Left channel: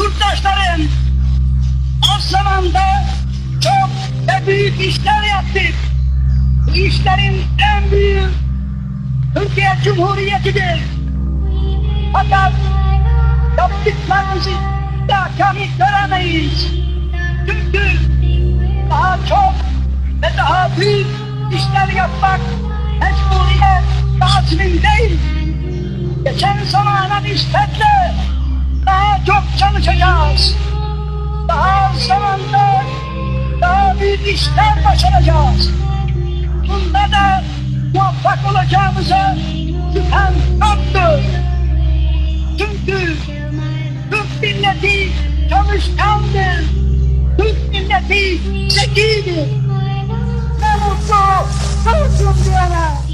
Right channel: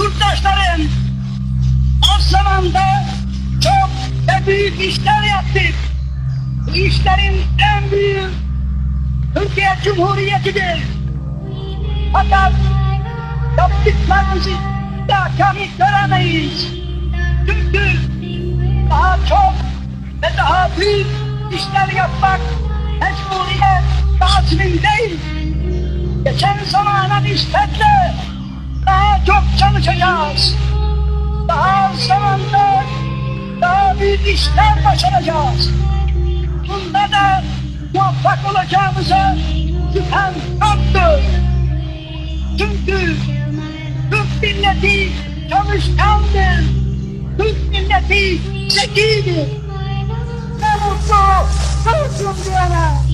yurttaşlarım, az zamanda çok ve büyük işler yaptık. Bu işlerin en büyüğü Türkiye Cumhuriyeti'dir. Fakat yaptıklarımızı da kamil göremeyiz. Çünkü daha çok ve daha büyük işler yapmak mecburiyet lazım değil. Geçen zamana nispetle daha çok çalışacağız. Daha az zamanda daha büyük işler başaracağız. Bunda da muvaffak olacağımıza şüphem yoktur. Çünkü Türk milleti çalışkandır. Türk milleti zekidir. Ne mutlu Türk'üm diyene.